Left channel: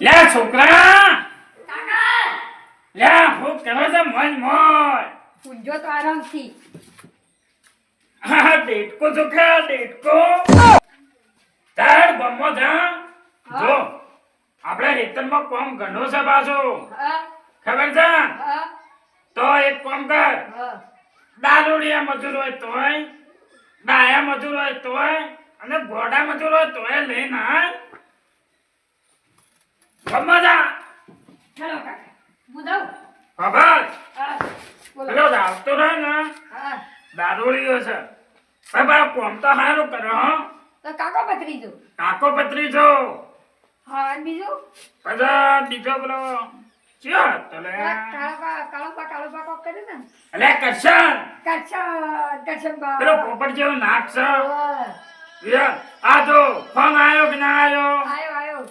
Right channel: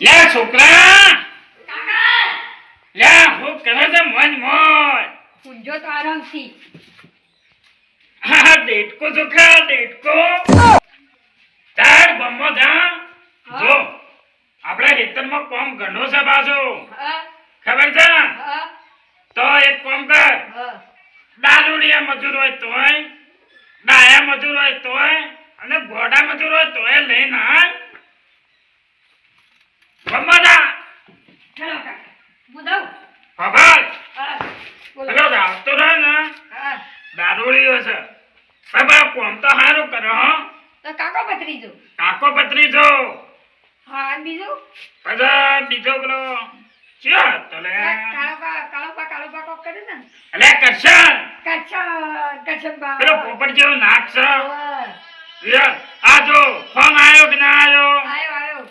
લે છોકરા લે હું કરે છે મન મોય પૂંજો તો આરામથી હા ડેટકો છોકરા ડેટકો તાર બમ્મો જા જો આપણે હેતરમાં કોમ ઘણો છે બાજુ ખબર છે તો એક કામ કર દારૂડિયા મજૂર હોય તોય ડાયા મજૂર હોય તોય અને ઘોડા મજૂર હોય તોય લઈને આય બમ્મા ચલો કાકા મુદાવ ખબર બોલો પેલો આવતો રહે ને દારૂડિયો છે બાબા કોમ તો સારું કરે હો તો કાકો પતરીજો કાકો પત્રી જો હા અને બીજું પછી બીજો પેલો ચિયો તો લે કાળો બા કોક કરે ને અલે કરશન કરશન બા પેલો પોપટ જેવો નાક છે યાર આ જો ફોન આવ્યો કે ના આવ્યો આયો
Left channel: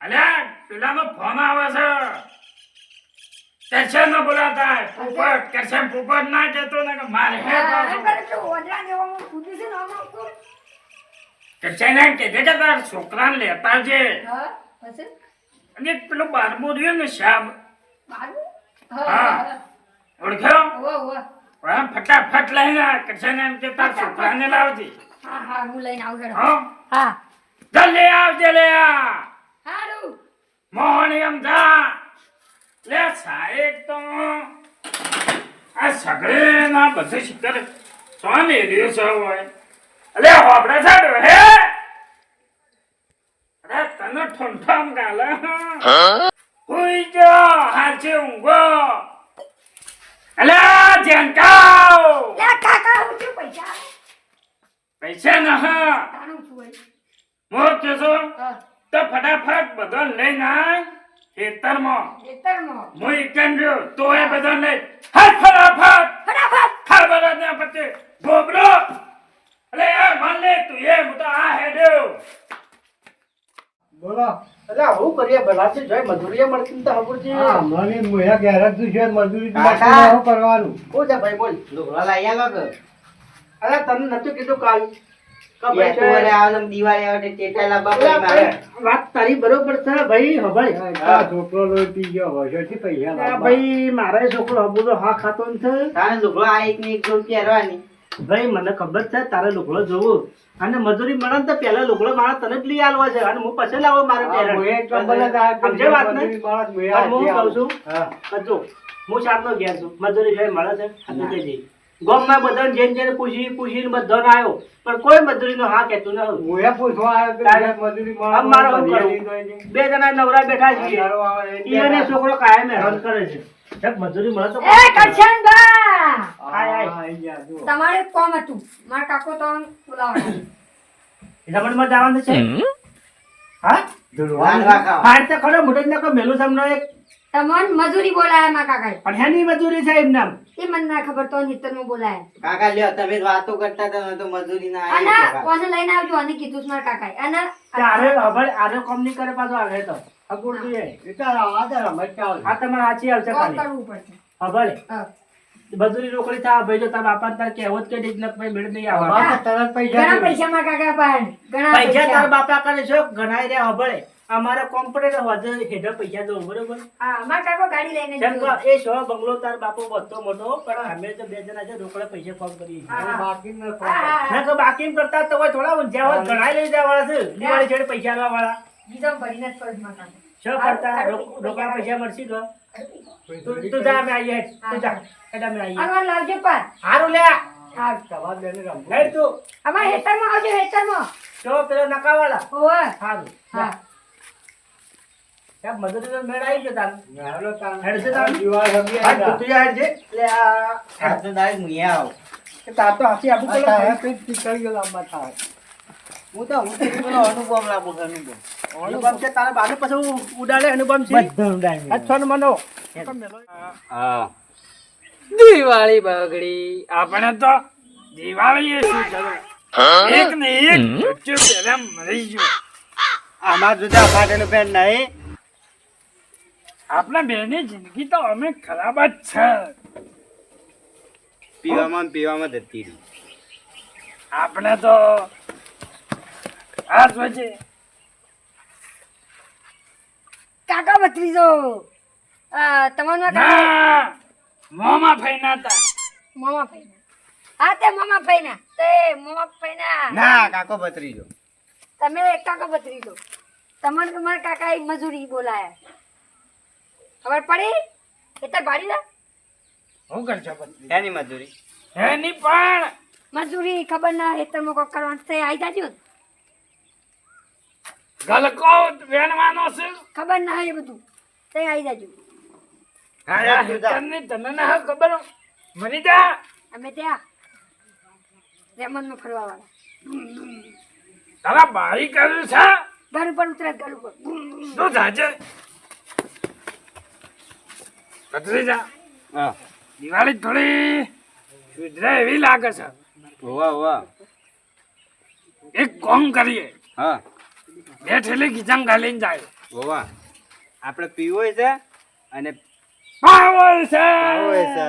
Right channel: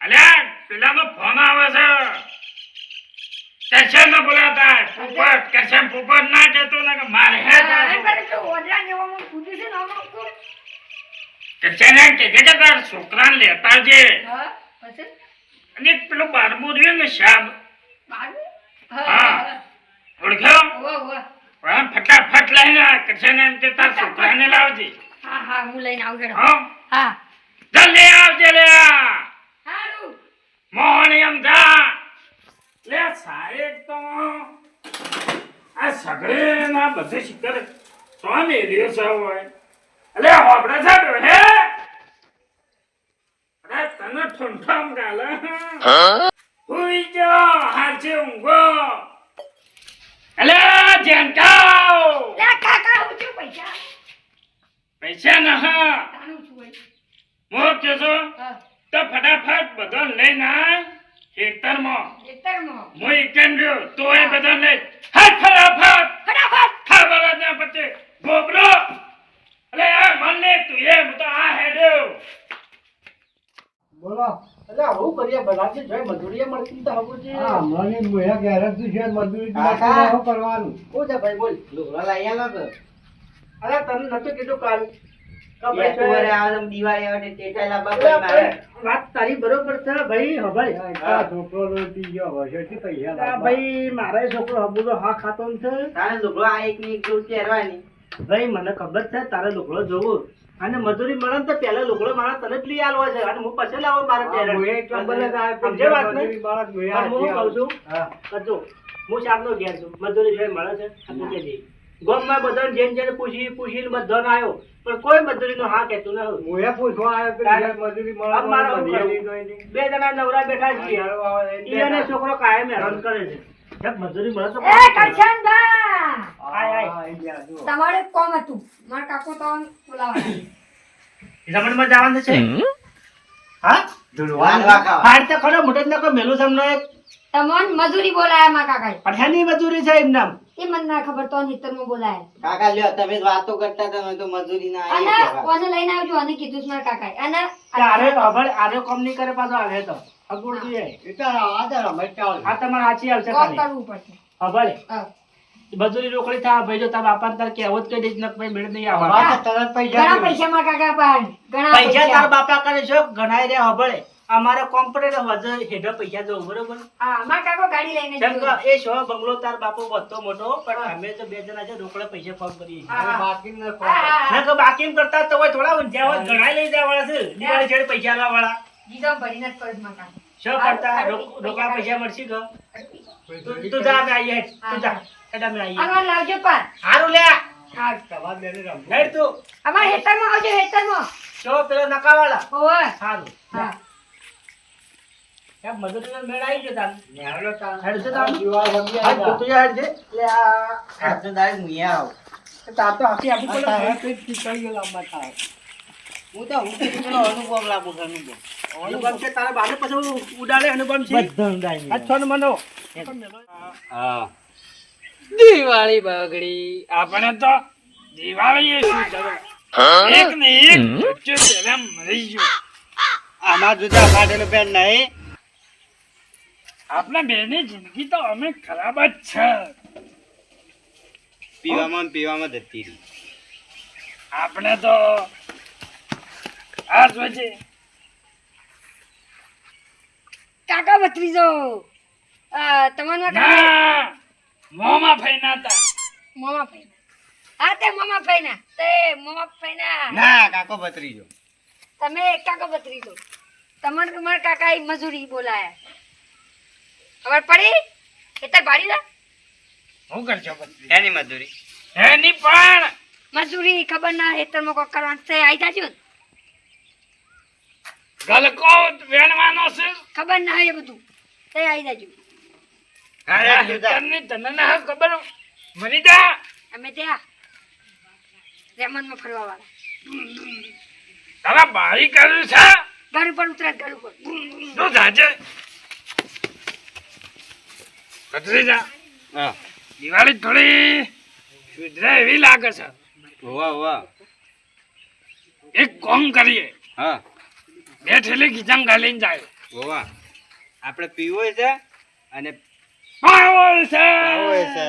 અલે પેલાનો ફોન આવે છે કરશન નો બોલાતા પોપટ કરશન પોપટ ના કહેતો ને કે મારે હે પાછો ઓદરા જેવામાં કૂદ્યું છે ને આમાં કરશન એમ કે તાર છોકરાને લેતા છે હા પછી અને પેલો બારમો રહ્યો ને સાહેબ બાજુ હા ઓળખ્યો ઓ હા ફટાફટ લઈને કરશન એમ કે તાર છોકરાને લાવજે હા હું લઈને આવું હેડો હા હા જલ્દી આવજે લે હારું મોહન એમ જા લે સાહેબ તો આ સગડે ના બધું શિકર સ્વામી રહ્યો છે હોય અલે હોબડે છે હે અરે તને ઠંઠામ ગાલે હુઈ જો હાચે ઊંઘો અલે જેનકાવ એ કાકા હું છું પૈસા પૈસા ના હા તારું છું ભાઈ મોર કેસો હા તો ફટાફટ બધો લઈને આ ખેતરમાં ખેતરમાં હું એકન રહ્યો તો એ બધા લઈ હાથ ફટાફટ ખબર જ ના પડતી ગોબરો અલે યાર મન લે તું એ હું તો આ હેડ્યો બોલો એટલે આવું કરીએ બનાવશે જોઈ મજૂરીએ મળતી તો ખબર છે હા મને મોયા ગેરજ તું છે મજૂરી કાકા. શું કરવાનું શું છે ભાઈ બોલ લુગડા લઈ આલો કે અરે તને નતું કીધું કાલ કે ભાઈ બે તો વરે આવે ને દિવાળી આવે એટલે ટેટા લાવવા અરે પડે મારે. ભાઈ, વાત તારી બરોબર છે ભાઈ હભાઈ આ છોકરો લોહી પી ગયો હોય છે પૈસા આ લાવવા. ભાઈ મારે છોકરો હબુલો હા ખાતો ને છે તારે લુગડો આ એક ને એક જોડ પહેરવાની. ભાઈ મને ખબર છે તારે લુગડો જોવું અને મજૂરી મળે ને તો પહેલા લુગડો મારે તને જ લઈ આલવો છે અને હું પછી લાવો મારે હા, પહેરણ. મોયા એટલા બધા જ આ સમજે વાત ને? મજૂરી બાળક મોયા પણ હું હાથે કહું છું હા. કજો હું શામનો ઘેર છું મજૂરી જોઈ મળે છે અને કે જઈ ગોમમાં બધાને જેને પૂછીને બધાને આવ્યો પણ કોઈ મજૂરીનો હા કહેતું ન હતું. મોયા પૂછવા આવ્યો કે તારે મજૂરી મળે આમ મારે શું તો કરવું? લઈ દઈ. બે જણા નવરા બેઠા છીએ હારો આવે એટલે ઈ અને છોકરો કાયમ હેરાન કરે છે જબ મજૂરી મળે તો એ કરશન બા આય. હા, આઈ ગયા, જો. તમારે એક કોમ હતું મારા કાકો તો બોલાવવાના રમણમાં જવાનું છે હા વાનવા ખાવા. હાડ તો ખરો મોટો જ નાખો મેલું તમને એક તમને મજૂરી બોલાયા મારા કાકાએ અઠ્યાની મજૂરી છે એમ નામ એ મને ના ખબર તો હિતરમાં બોલાયા કાકા લ્યો તમે જ વાતો કરતા હતા ને તો મજૂરી ના અને આવી કહેવાય. કોને લઈને આવજો અને કીધું છે મારા કાકાએ અને આરે હવે આરે કોમ નહીં કરે પાછો આવે તો અગુડ જોઈએ એ તો આ તો રમત ચાલે. આ તમારે સાચી આવશે કોમ ખાલી કરવું પડશે હવે હા. મજૂરી રોકડી થા ભાઈ જો તારા બાપા તાર કહેવત કહી દેજ ને ભાઈ મેળ નહીં આ આવવા તો તરત પૈસા ઘણા જોઈએ. પૈસા મારા કાકા પાસે ઘણા પૈસા તારા પૈસા બાપા કરે છો ઘણા રે હબળે અમારે કોમ્પ્યુટર વધે હેઠળ પૈસા દો બરોબર હા મારા કાકો ગાડી લઈને જેમ ગયો. કે એ શો બંગલો તાર બાપો બધો મોટો પણ અમે તો બે જણા છે રોકડે પૈસા ફોન કરીએ છીએ હા. બાકી ન હા, કોઈ. હા, હા. ના તો બાકી કરતા તો હોય થોડા ઊંઝા હોય ઘણા લઈ જવા વાળા છે દિવાળી છેડે પૈસા લાવવા વાળા ગીધમ ભરીને જ કરું મારા કાકો. શું કરતા રોકડા પૈસા મળશે કે તું જા અમે આવીએ હેડ. તું જા હેડ અમે આવીએ અમારે લાવજો પાર હારું લે હા સવાર બેને રમવું. હેડ તું અમારે હેતરમાં આવજો હેતરમાં જો પેલો નકાવાળા ઓય હારું હા યાર મજૂરીનો મેળ આવી ગયો તાર નાનો તાણ. હેડ છે તાણ? દિવાળ રમી હાથ આવ્યા. ધોતી હેડ છે લે આ આ તો દાડે મુયા આવું. તાર તો હાથી આપી આ પેલો તારા પેટ નીકળી ગયો લાંબા થાય. હું તો પેલો અનુભવ લાગુ અનુભવ. અનુપમ છે તારા બાને પછી ઉડાડે અનુપમ છે આ છ મનો હા દિવાળી બગડી આપણે તો દિવાળી એ શું જગવા એક ને એક બચ્ચો પહેલા મરી ગયો આમાં જુદા ફાટેલું પેન નહીં. આપણા બેની જિંદગી તો અમે ખરાબ જ છે પીવામાં ને પીવામાં જતી રહી. આપણે તો આ જોજે કાકા ભત્રીજો તમારા ના મોમાં ફઈના તા મામા ફઈના હા તે મામા ફઈના તે મામા ફઈના ના કાકો ભત્રીજો. તમે કાકા ભત્રીજો તમને તમારા કાકા મજૂરી બોલાયા ખબર પડી ખેતર ભાડી દા હું કરશો પછી એની મજૂરી. એની પણ મજૂરી ખબર ના ખેતરમાં કોઈ કરવાનું તે આવી જાજો ને. ગલકો વેણવાનો છે ખબર ના હોય એ બધું તે આવી જાજો આ હેતરની તને ના ખબર મરી જા અમે ત્યાં રેમનમાં ફરવા વાળા તારા બારી કર્યું છે ઘર ઉપર ઉતરે ઘર ઉપર તું જાજે કતરી જા હા દિવાળી થોડી સુધરે એવી લાગે છે હોવા હોવા. એક કોમ કરીએ હા બે થેલી ખીચામ ગાલીને જાય હોવા. આપણે પીવોય છે અને પાવર છે ખાવોય છે.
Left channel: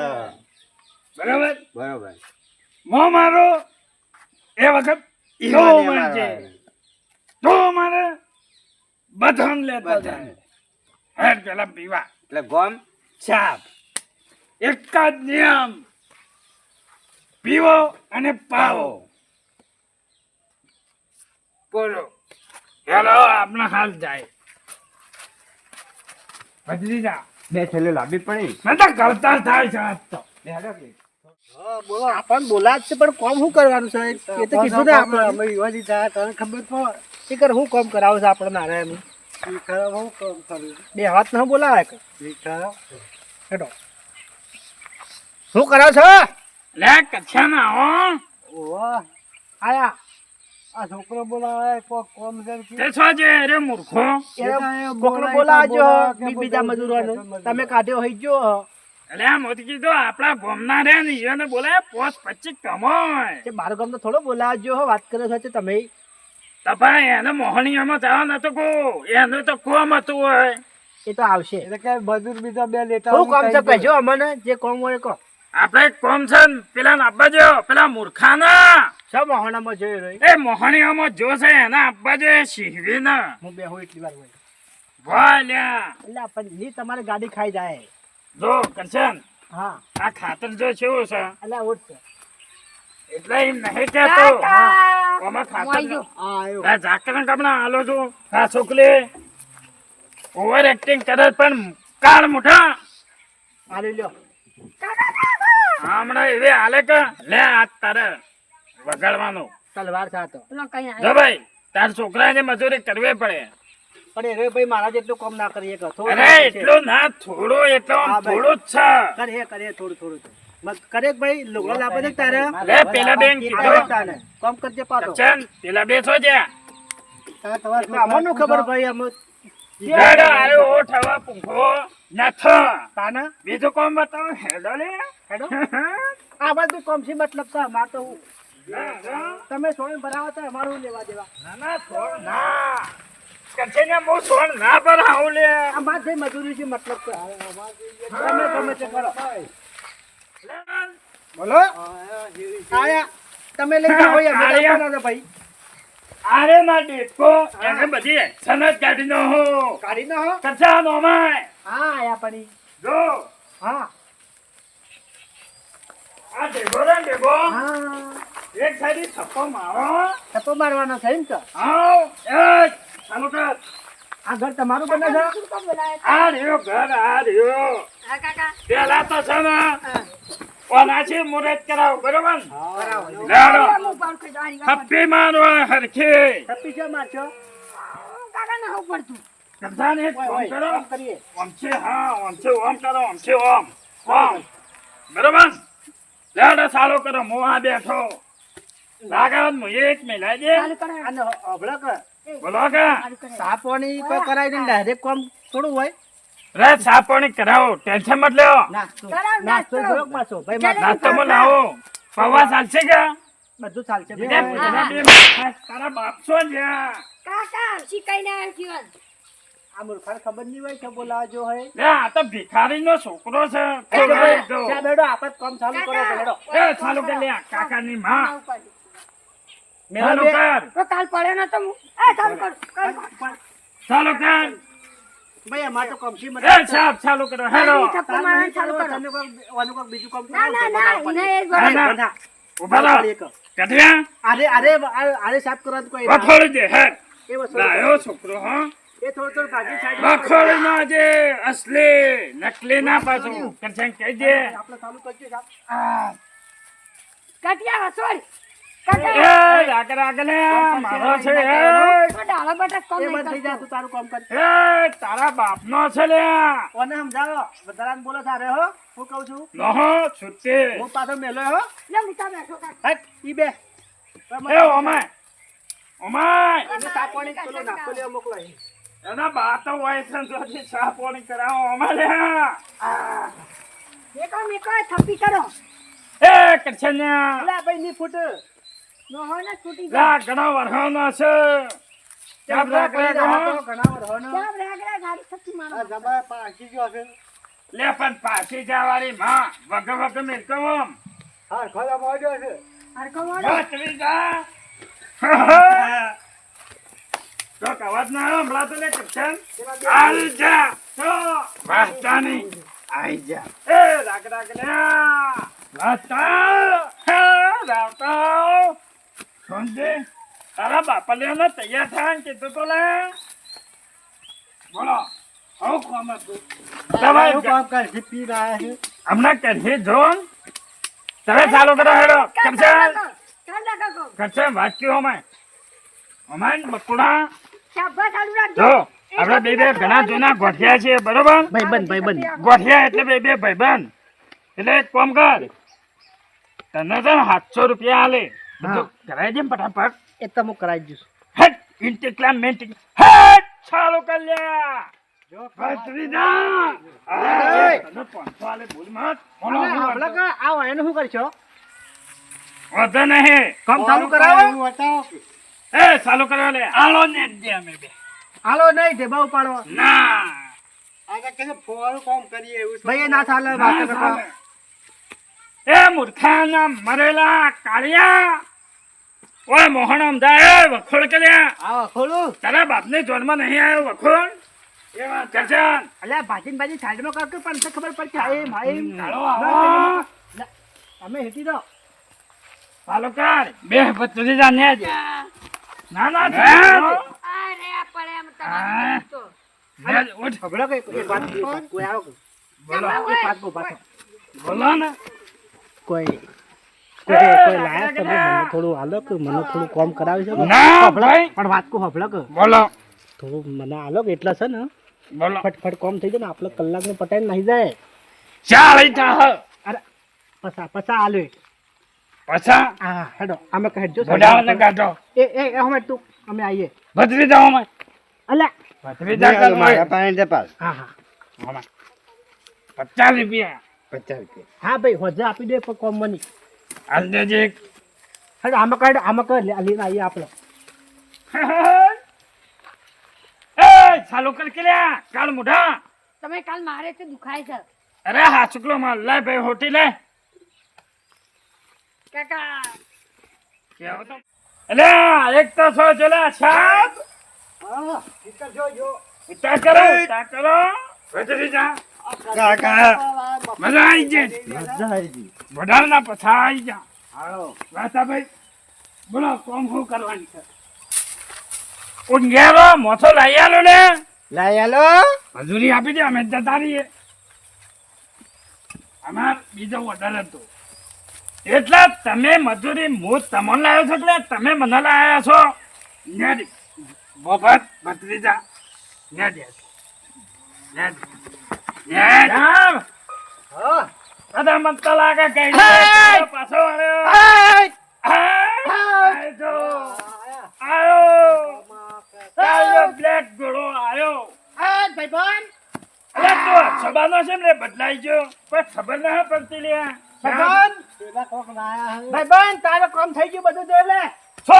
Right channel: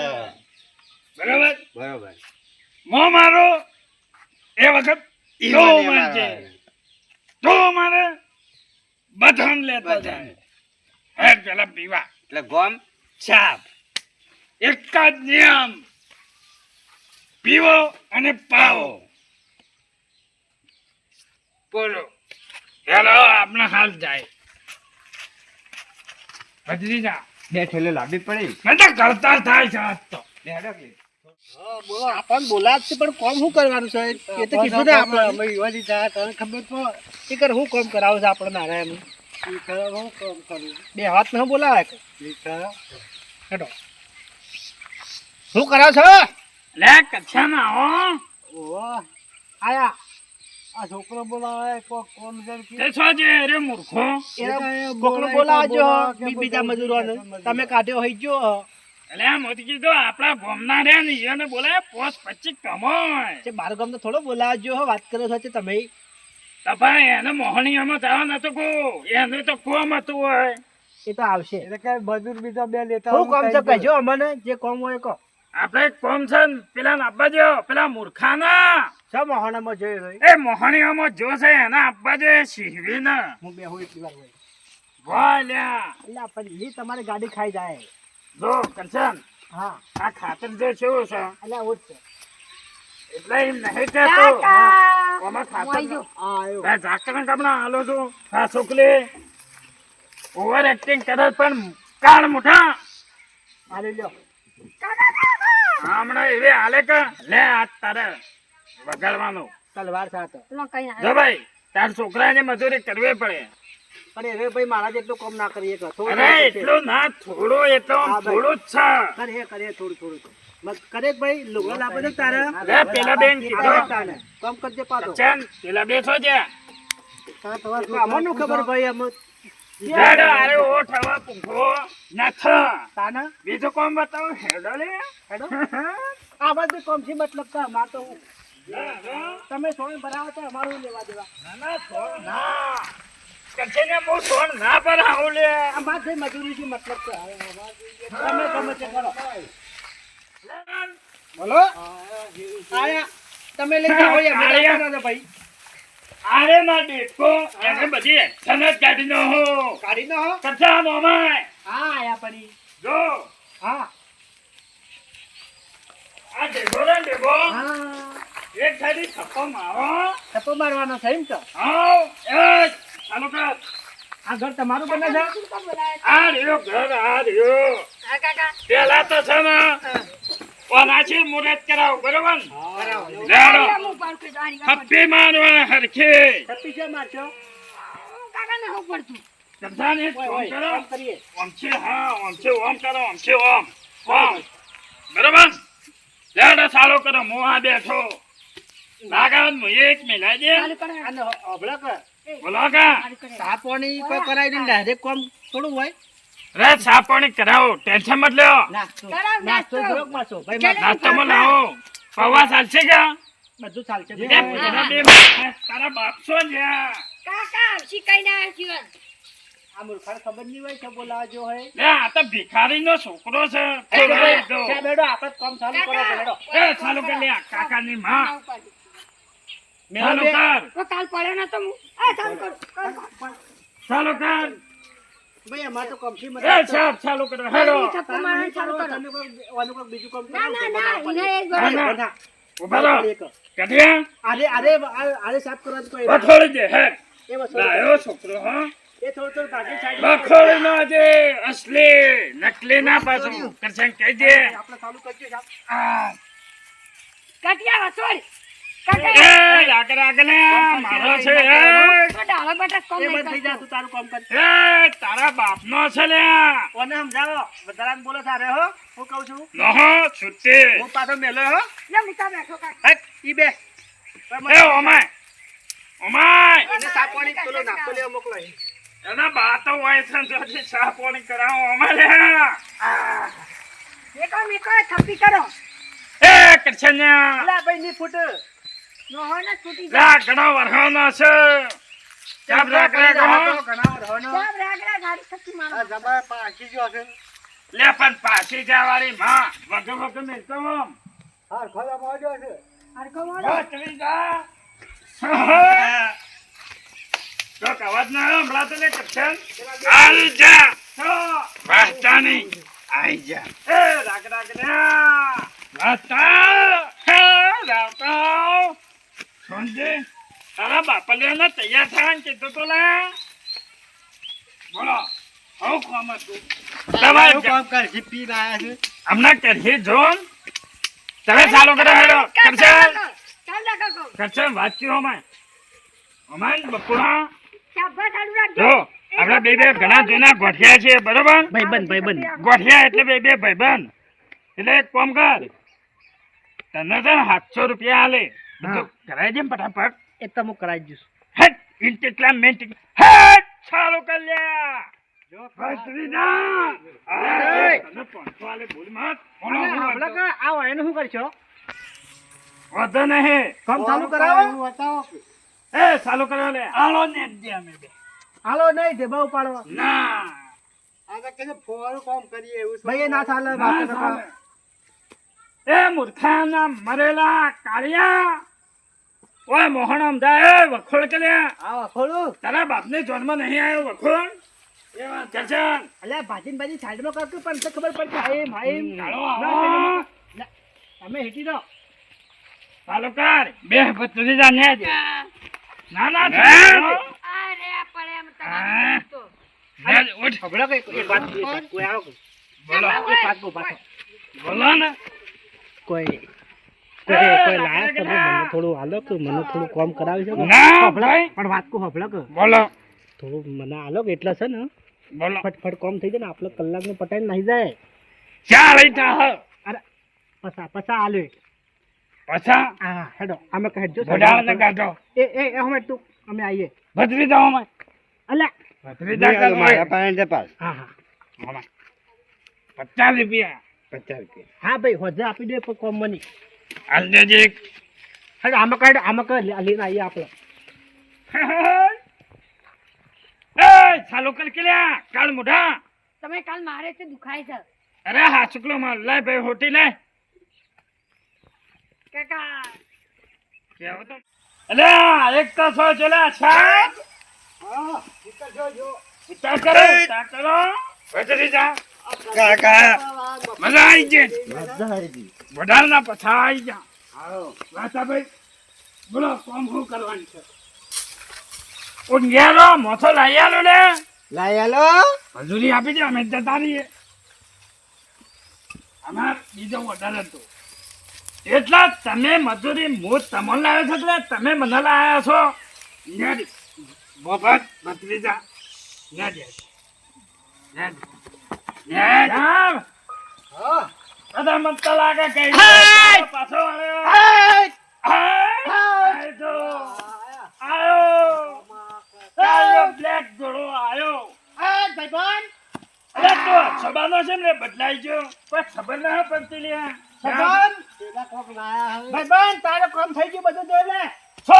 બરાબર બરોબર. મો મારો એ વખત તો ઈમાને મારજે મારવા. તો મારે બધાને લેતા જાય હેડ પેલા પીવા એટલે ગોમ સાપ એક જ નિયમ પીવો અને પાવો બોલો હેલો આપણા હાલ જાય બદલી જા બે ઠેલે લાંબી પડી. મેં તો ગળતર થાય છે આજ તો બે હેડો કે. હા બોલો આપણને બોલા જ છે પણ કોમ શું કરવાનું છે એ તો કીધું ને આપણે અમે યુવાની થયા તને ખબર તો એ કર હું કોમ કરાવું છે આપણે નાના એમ ઈ ખરા હું કામ કરું બે હાથ ન બોલાવે કે ઈ ખરા હેડો શું કરાવ છો લે કચ્છા ના હો ઓવા આયા આ છોકરો બોલાવે કોક કોમ છે કે તે છો જે રે મૂર્ખો કોકનો બોલાવજો બીજા મજૂરોને તમે કાઢ્યો હોય જો એટલે આ મોતી કીધું આપણા ગોમના રે ને એને બોલે પોસ 25 કમોય છે બાર ગામનો થોડો બોલાવજો હો વાત કરો છો તમે તપાય એને મોહણીયામાં જવા નતો કો એને તો કોમ હતું હોય એ તો આવશે એટલે કે મજૂર બીજા બે લેતા શું કામ છે કહેજો અમને જે કોમ હોય કહો આપણે એક કોમ છે ને પેલા આપવા જો પેલા મૂર્ખાના સબ મહોણામાં જોઈ રહ્યો એ મોહણીયામાં જો છે એના આપવા જો શીહવીને હું બે હું એટલી વાર હોય બોલ્યા એટલે પણ એ તમારી ગાડી ખાઈ જાય જો કંચન હા આ ખાતર જો કેવું છે એટલે આવું જ છે એટલે એમ નહીં કહેતો કાકા આમાં ખાતર મોઈ ગયો. આ આવ્યો આ ઝાકરણ કપડા હાલો છું આ છોકરી ઓવર એક્ટિંગ કરે પણ કાળ મુઠા આલી લ્યો હમણાં એવી હાલે કે લે આ તારે વગાડવાનું તલવાર સાથે લો કઈ ના જો ભાઈ તાર છોકરાને મજૂરી કરવી પડે પણ એ રે ભાઈ મારા જેટલું કામ ના કરીએ કે થોડું અરે એટલું ના થોડું એટલો હા, ભાઈ. થોડું જ છે કરે થોડું થોડું મત કરે કે ભાઈ લુગડા લાપે છે તારે લે પેલા બેન કીધું આવે તારે કામ કરજે પાછો ચન પેલા બેસો છે અમને ખબર ભાઈ અમે હેડો આયો ઓઠ હવા પૂંખો નથ તાના બીજું કોમ બતાવો હેડો લે હેડો આ બધું કોમ છે મતલબ તો અમાર તો હું ના, ના. તમે સોય ભરાવો તો અમારું લેવા દેવા ના ના છોડ ના કચ્છને મો છોડ ના પર આવું લે અમાર જે મજૂરી છે મતલબ તો તમે ગમે તે કરો બોલો આયા તમે લઈ જાઓ યાર મેં આયા. આપવાના છે ભાઈ અરે ના દેખો એને બધી એક્શન જ કાઢી નો હો કાઢી નો હો કચ્છા નો માય હા આયા પડી જો હા આ દેખો રે દેખો હા એક સાઈડ થપ્પો મારો થપ્પો મારવાનો છે એમ તો આવ એક ચાલુ કર આ ઘર તમારું બને છે શું કામ બોલાયા આ રહ્યો ઘર આ રહ્યો હા કાકા પેલા તો છે ને ઓનાથી મુરત કરાવ બરોબર કરાવો લેડો હું પાડ કરી દારી કાકા થપ્પી મારવા હરખી થપ્પી છે મારશો કાકા ને હું પડતું કરતા ને ઓય ફોન ઓય કરો કામ કરીએ ઓમ છે હા ઓમ છે ઓમ કરો ઓમ છે ઓમ ઓમ બરોબર લેડો ચાલુ કરો હું આ બેઠો લાગત હું એક મિલાઈ દે ચાલુ કરે અને અબળા કર બોલો કે ચાલુ કરે સાપોની કોઈ કરાવી દે ડાયરેક્ટ કામ થોડું હોય રે ચા પાણી કરાવો ટેન્શન મત લ્યો નાસ્તો કરાવ નાસ્તો નાસ્તો. જોક મારશો ભાઈ માર નાસ્તો માં લાવો પૌવા ચાલશે કે બધું ચાલશે બે બધું પોતા ચાલશે. બે તારા બાપ છો જ્યાં કાકા શીખાઈ ના જીવન આ મૂર્ખાને ખબર નહીં હોય કે બોલાવજો હોય લે આ તો ભિખારી નો છોકરો છે એ તો ભાઈ ચા બેડો આપણે કામ ચાલુ કરો બેડો એ ચાલુ કર લે કાકાની માં ના ઉપાડી. ચાલુ કર તો કાલ પડ્યો ને તો હું ચાલુ કર ચાલુ કર ભાઈ અમારે તો કમસી મત એ સાહેબ ચાલુ કરો હેડો થપ્પો મારવાનું ચાલુ કરો. તમે કોઈક બીજું કામ ના કરાવો, ના તો ના બનાવો એને એ જ ના, બોલે. ના. ઉભા રહો કઠિયા આરે સાફ કરવાનું કોઈ બખોડી દે હે એ વસ્તુ લાયો છોકરો હા એ થોડું ભાગી સાઈડ બખોડી નો જે અસલી નકલી ના પાછું કરશે કહી દે આપણે ચાલુ કરજો સાહેબ. આ, કટિયા વસોડ. એ કટિયા. આગળ આગળ લે, મારો છે એ. તો ડાળો બટા કોમ એ નહીં બંધ થઈ જાય કરતો. તું તારું કામ કર એ તારા બાપનો છે લે કોને સમજાવો વધારાને બોલો તારે હો હું કહું છું નહો છૂટી હું પાછો મેલો હો લે મૂકા બેઠો કાકા. હટ ઈ બે એ ઓમાય ઓમાય એને સાપવાની પેલો નાખો લેવા મોકલો અહીં. એના બાતો હોય છે જોથી ચા પાણી કરાવો અમારે આ. મેકો મેકો થપ્પી કરો. એ કરછન્યા અલા ભાઈ ની ફૂટ નો હોય ને છૂટી જાય. લા ઘણો વરહાનો છે ચાપ રાખ રાખ હો. ઘણા વરહોનો. ચાપ રાગડા ગાડી થપ્પી મારો. આ જમાય પાછી ગયો છે લે પણ પાછી જવાળી માં વગ વગ મેલતો આમ. હા ખરા મોડ્યો છે હરખો મોડો. બચવી જા. તો કવાજ ના આવ્યો હમણાં તો લે કરછન આવી જા વાહતાની આઈ જા એ રાગ રાગ લે વાહતા હે રાવતા સોંજે તારા બાપા લેવાનો તૈયાર થાય કીધું તો લે બોલો હું કોમ હતું તમારું તમારે કામ કર જીપી ના છે હમણાં કરીએ જોન તમે ચાલુ કરો હેડો કરશન ચાલ લાગો કો. કરશન વાત કયો અમાય બકુડા શાબાશ ચાલુ રાખજો. જો આપણે બે બે ઘણા જૂના ગોઠિયા છે બરોબર ભાઈબંધ ગોઠિયા એટલે બે બે ભાઈબંધ એટલે એક કામ કર તને છે ને 700 રૂપિયા આલે બધું કરાવી દે ને ફટાફટ એ તો હું કરાવી દઈશ હટ ઇન કેટલા મિનિટ હટ ચાલુ કર લ્યા જો ફસવી ના તને 500 આલે ભૂલ મત બોલો હમણાં કા આવો એને શું કરશો વધે નહીં કામ ચાલુ કરાવો બતાવો એ ચાલુ કરો લે આલો ને દે અમે બે હાલો નહીં તે બહુ પાડો ના આ તો કે ફોરું કામ કરીએ એવું છે. ભાઈ એ ના ચાલે ના વાત ચાલે. એ મૂર્ખાના મરેલા કાળિયા ઓય મોહન અમદા એ વખોડ કે લ્યા આવો ખોલું તારા બાપને જોનમાં નહીં આવ્યો વખોડ એ વાત કરશન અલ્યા ભાજી સાઈડમાં કર પણ તો ખબર પડશે આઈ ભાઈ ચાલો આવો તમે હેટી દો ચાલો કર બે પત્રી જાને જ ના ના અરે પડે એમ તમારે તો. ઉઠ ખબર કે એક વાત કોઈ આવો બોલો એક વાત બહુ પાછો બોલો ને કોઈ લાયક તમે મને થોડું હાલો કે મને થોડું કામ કરાવી શકો ના ભાઈ પણ વાત કો હફળો કે બોલો થોડું મને હાલો કે એટલે છે ને બોલો ફટફટ કામ થઈ જાય ને આપણે કલાકનું પટાઈને નહીં જાય ચાલ ઈટા હ અરે પસા હાલો પછા હા હેડો અમે કહેજો બોડાવને કાઢો એ અમે તું અમે આવીએ ભત્રી જાઓ અમે અલ્યા ભત્રી જા કર મારા પાસે છે પાસ હા હા 50 રૂપિયા 50 રૂપિયા હા ભાઈ હોજે આપી દે પણ કોમ મની હાલ દેજે એક હેડો આમાં કર લઈને આવીએ આપણે એ ચાલુ કર કે લ્યા કાળ મોઢા તમે કાલ મારે છે દુખાય છે અરે હા શુક્લો માં લે ભાઈ હોટી લે કાકા. કેવો તો અલ્યા એક તો સો ચલા સાત હા ઠીક જો જો ઉતા કરો ભત્રી જા કાકા મજા આવી ગઈ મજા આવી ગઈ વડાલના પછા આવી જા આવો વાતા ભાઈ બોલો કોમ શું કરવાની છે ઊંઘ્યારો મોથો લઈ આલો ને લાઈ આલો મજૂરી આપી દે અમે જતા રહીએ અમાર બીજો ઓર્ડર હતો એટલે તમે મજૂરી હું તમને લાવ્યો છો એટલે તમે મને લાવ્યા છો નેડી મફત ભત્રીજા નેડી નેડી રામ હા બધા મત તો લાગે કઈ તારો પાછો આવ્યો આય જો આયો બ્લેક ઘોડો આયો ભાઈબંધ અરે તો સબાનો છે ને બદલાઈ ગયો કોઈ ખબર ના પડતી લે ભાઈબંધ પેલા કોક લાયા હવે ભાઈબંધ તારે કામ થઈ ગયું બધું જોઈ લે છો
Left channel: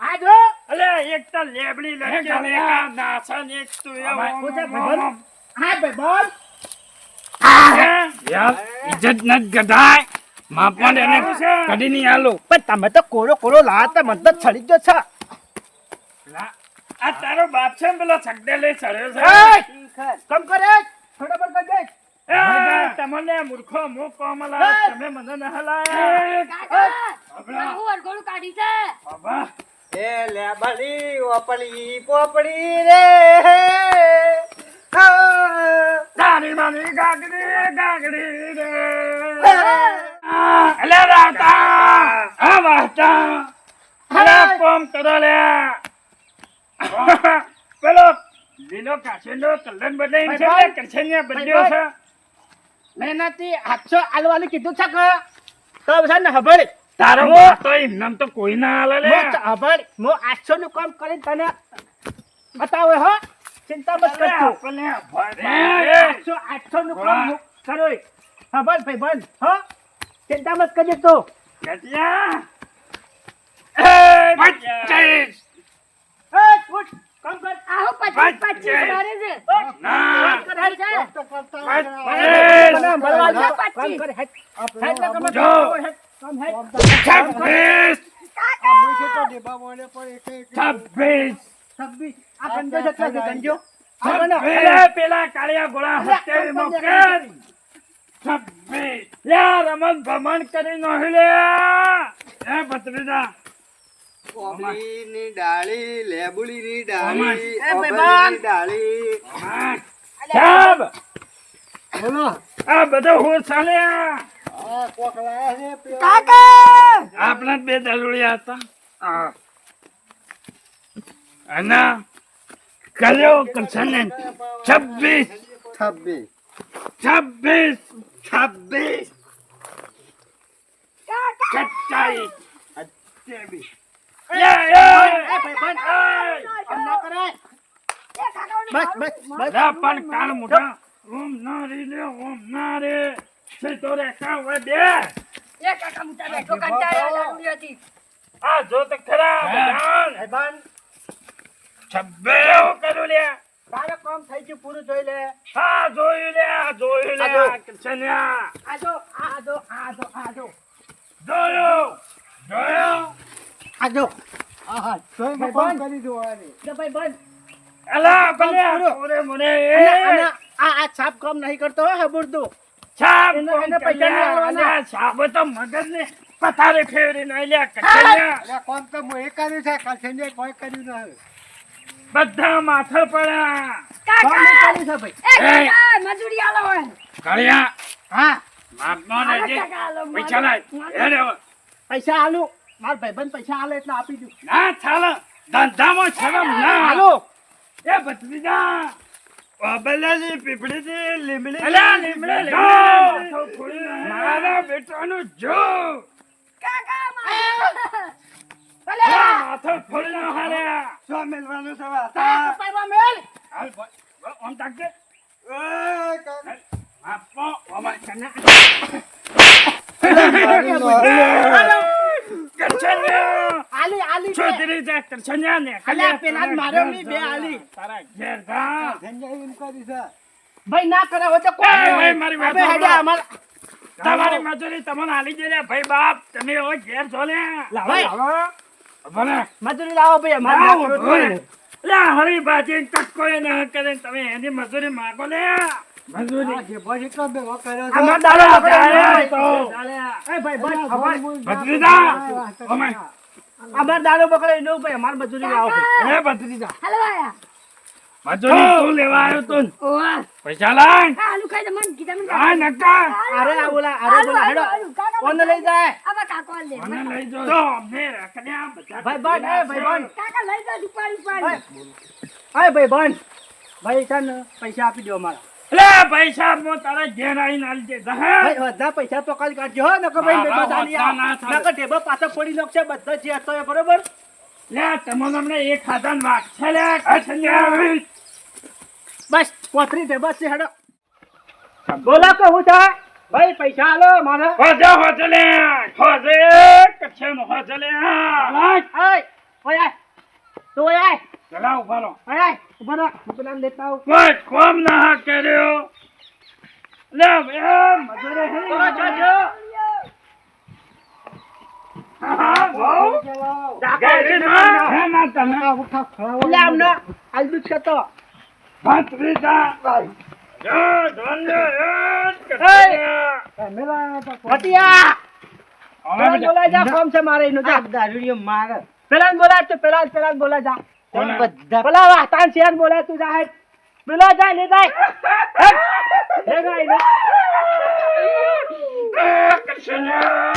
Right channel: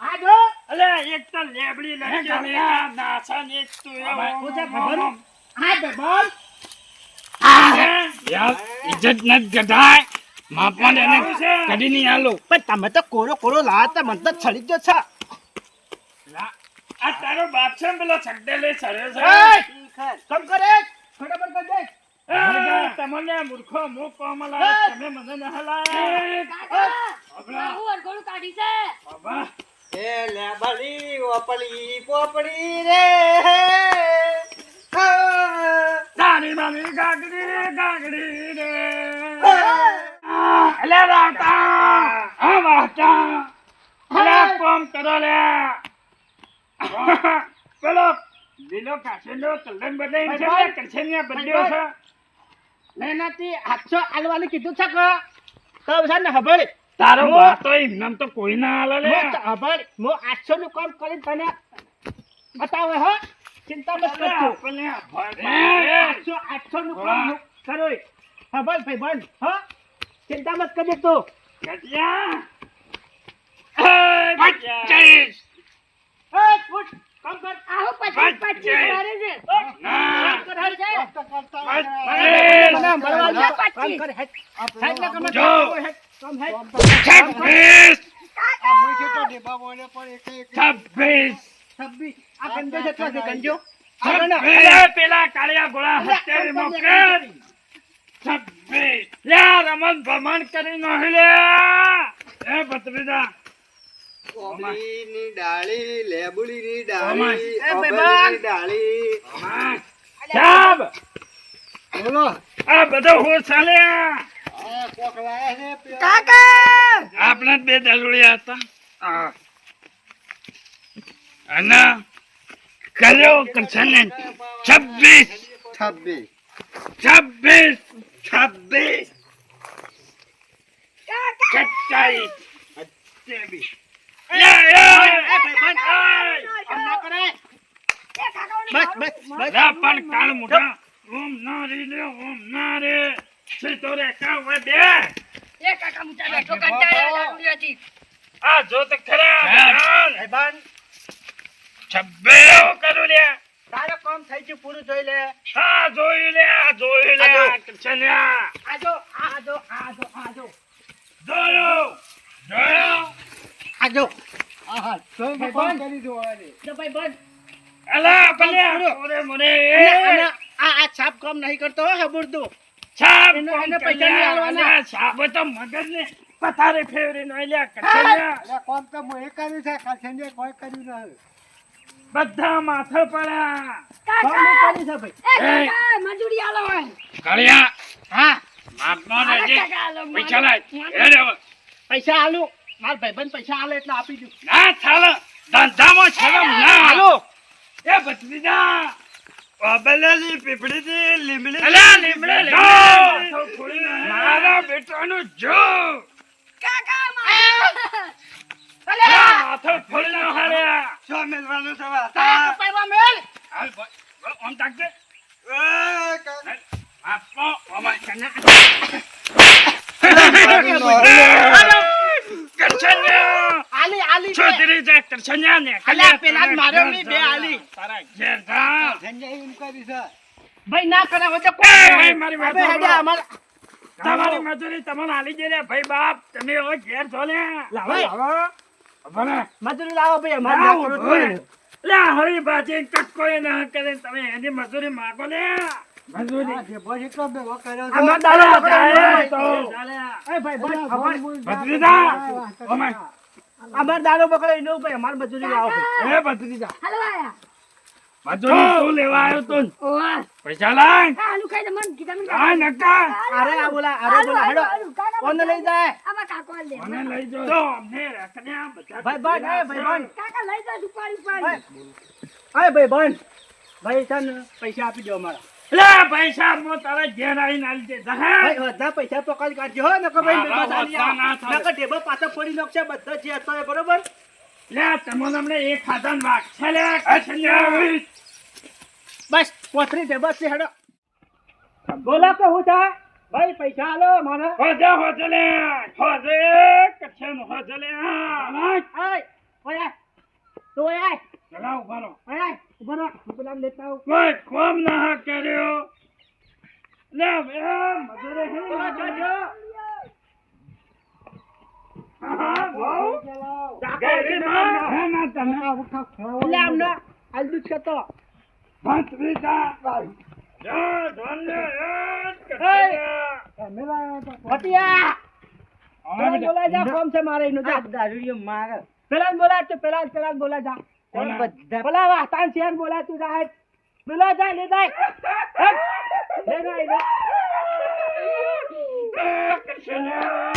આ જો અલે એક તો લેબડી લટકે ને એક આ નાસા ને એક તો એવો હું છે ભાઈબંધ હા ભાઈબંધ યાર ઇજ્જત ન ગધાય માપવાને એને કદી નહીં આલો પણ તમે તો કોરો લાયા તા મને તો છડી જ છે આ તારો બાપ છે ને પેલો છગડે લઈ ચડ્યો છે કમ કરે ફટાફટ કર દે એ, તમને મૂર્ખો મું કોમ લાયા, તમે મને ન હલાયા. કાકા હું અરગોળું કાઢી છે બાબા, એ લેબલી ઓપલી પોપડી રે તારી મારી ગાગડી રે. અલે રાવતા, આ વાહતા, અલે કોમ કરો લે. પેલો લીલો કાચીનો કલર બદલાઈને છે ને, કરછનિયા બદલ્યો છે. મહેનતી 800 આલવાનું કીધું છે કે તો છે ને ખબર તારો બાપ તો એમનેમ તો કોઈ ના હાલે લે. ખબર હું 800 નું કામ કરીને તને બતાવે હો ચિંતા મત કરતો આપણને ભરે. 800 નું કામ હું કરો ખબર ભાઈ બંધ હો ચિંતા મત કરજે તું કેટલા? એ 25. ફૂટ કામ કર આહો 25 કરે છે ના. કરે છે મને મળવાનું છે. કામ કર હેડ હેડ ને કમ જો. કામ હેડ 26. આ મુઈ તો ડેબા મોને પણ એક 26. 26 આ ગંજો જેટલા છે ગંજો આ ગણો. અરે પેલા કાળિયા ગોળા હત્યારીમાં કેળ. 26. યા રમણ ભમણ કરી નહિ લે. એ ભત્રીજા, પોપડીની ડાળી લેબુડીની ઓમાય. ડાળી એ ભાઈ ઓપલીની ડાળી સાહેબ, બોલો આ બધો હું ચાલ્યા. આ કોક લાયા છે પેલા કાકા આપણે જ બે દલુડિયા હતા. હા. અને કર્યો કરછને 26. 26 26. 27. 27. એ ભાઈ બંધ આમ ના કરાય એ કાકાઓની બસ મારું- બસ બસ લા પણ કાળ મોઢા. ઓમ ના રે લે, ઓમ ના રે. સીધો રે કાં હોય બે. એ કાકા મુચા બેઠો કંટાળ્યા લાગુડીયાથી. આ જો તો ખરા બધાન. ભાઈ બંધ 26 કરું લે. તારે કામ થઈ ગયું પૂરું જોઈ લે હા જોયું લે, આ જોયું લે. આ જો. આ કરછન્યા. આજો આજો આજો આજો જોયું. જોયું. આજો આહા તો ભાઈ કોમ બંધ. કરી જોવાની જો ભાઈ બંધ અલા ભલે પૂરો. મોરે મોરે. અને આ છાપ કામ નહીં કરતો હો હબુરદો છાપ એને- કોણ એને પૈસા નહીં કર્યા? આલવાના. અલ્યા, છાપે તો મગજને પથારે ફેરવીને આલ્યા કરછન્યા. અરે કોમ તો હું એ કર્યું છે કાલ સંજય કોઈ કર્યું ન હવે બધા માથે પડ્યા. કામ નહીં કાકા કર્યું છે ભાઈ એ કાકા મજૂરી આલો હોય કાળિયા, હા માપનો અરે રહેજે. કાકા આલો પૈસા લાય. મારો- એ રેવો. પૈસા આલુ માર ભાઈબંધ પૈસા આલે એટલે આપી દઉં ના ચાલે. ધંધામાં શરમ ના. હાલો એ ભત્રીજા. ઓબેલાની પીપળીથી લીમડી. અલા, લીમડે, જો. લીમડે. મારા બેટાનું જો. કાકા મારો- માથું ફોડીને હાલ્યા. શું મેલવાનું છે તારા વાતા કપાઈમાં મેલ હાલ બોલ, બોલ, આમ તાકજે. એ કાકા આપો, ઓમાય. કરછન્યા. આલી આલી બે. છોતરી જા કરછન્યા ને. અલ્યા, પેલા જ માર્યો નહીં, બે આલી. તારા ઘેર જા. સંજય એમ કરી છે ભાઈ ના કરે હોય તો એ, કોઈ ભાઈ, મારી વાત અબે હેડો સાંભળો. અમાર તમારી મજૂરી તમને આલી દે લે ભાઈ બાપ. તમે હવે ઘેર છો લે. લાવો. ભલે. મજૂરી લાવો ભાઈ અમાર લાવો, ના કરો ભલે. તો. લે, હળી ભાજી કટકો એ ના કરે ને તમે એની મજૂરી માગો લે. મજૂરી. આ જે ભજ એટલો ભેગો કર્યો છે અમાર દાડો આપણે જાય આયા તો. એ ભાઈ ભાઈ અલા, ખબર ભજ ભત્રીજા. ઓમાય. અમાર દાડો પકડે નો ભાઈ અમાર મજૂરી લાવો ભાઈ એ ભત્રીજા. હાલો આયા મજૂરી તું લેવા આવ્યો તું. ઓવા પૈસા લાય. આ આલુ ખાઈ દે મન કીધા મને લાય નકા. અરે આ બોલા અરે બોલા હેડો કોણ લઈ જાય આમાં કાકો લે મને લઈ જાઓ. તો અમને રખડ્યા બધા. ભાઈ બંધ એ ભાઈ બંધ કાકા લઈ જા ઉપાડી ઉપાડી અરે ભાઈ બંધ ભાઈ છે ને પૈસા આપી દો અમારા લે, પૈસા હું તારા ઘેર આવીને આલી દે. જા, હે? ભાઈ બધા પૈસા તો કાઢી કાઢજો હો નકર ભાઈ હા, બધા આલી હા, ના આવો. થાય. નકર ઢેબા પાછા ફોડી નાખશે બધા જે હતો એ બરોબર લે, તમને હમણાં એક ખાતાનો વાઘ છે લે. કરછન્યા. બસ પોતરી ઢેબા છે હેડો બોલો કે હું છે ભાઈ પૈસા આલો મારે હોજે, હોજે લે. હોજે, કરછન હોજે લે. લાય. આય ઓય આય તું ઓય આય ચલાવ, ઉભા રહો. ઓય આય ઉભા રહો હું પેલા લેતા આવું કોઈ કોમ ના કર્યો. લે, બે મજૂરી થઈ. હા, બહુ. જા, ગાડી ના. હે, ના તમે. એટલે આમને આલદુ છે તો ભત્રીજા જો ધોંડો ભટિયા પેલા બોલાય જા ફોર્મ છે મારે એનો જા દારૂડિયો મારે પેલા બોલાય તો પેલા બોલાય જા બધા પેલા વાતાન શેર બોલાય તું જા હેડ પેલા જા લે જાય હેડ લે ગઈ લે કૃષ્ણ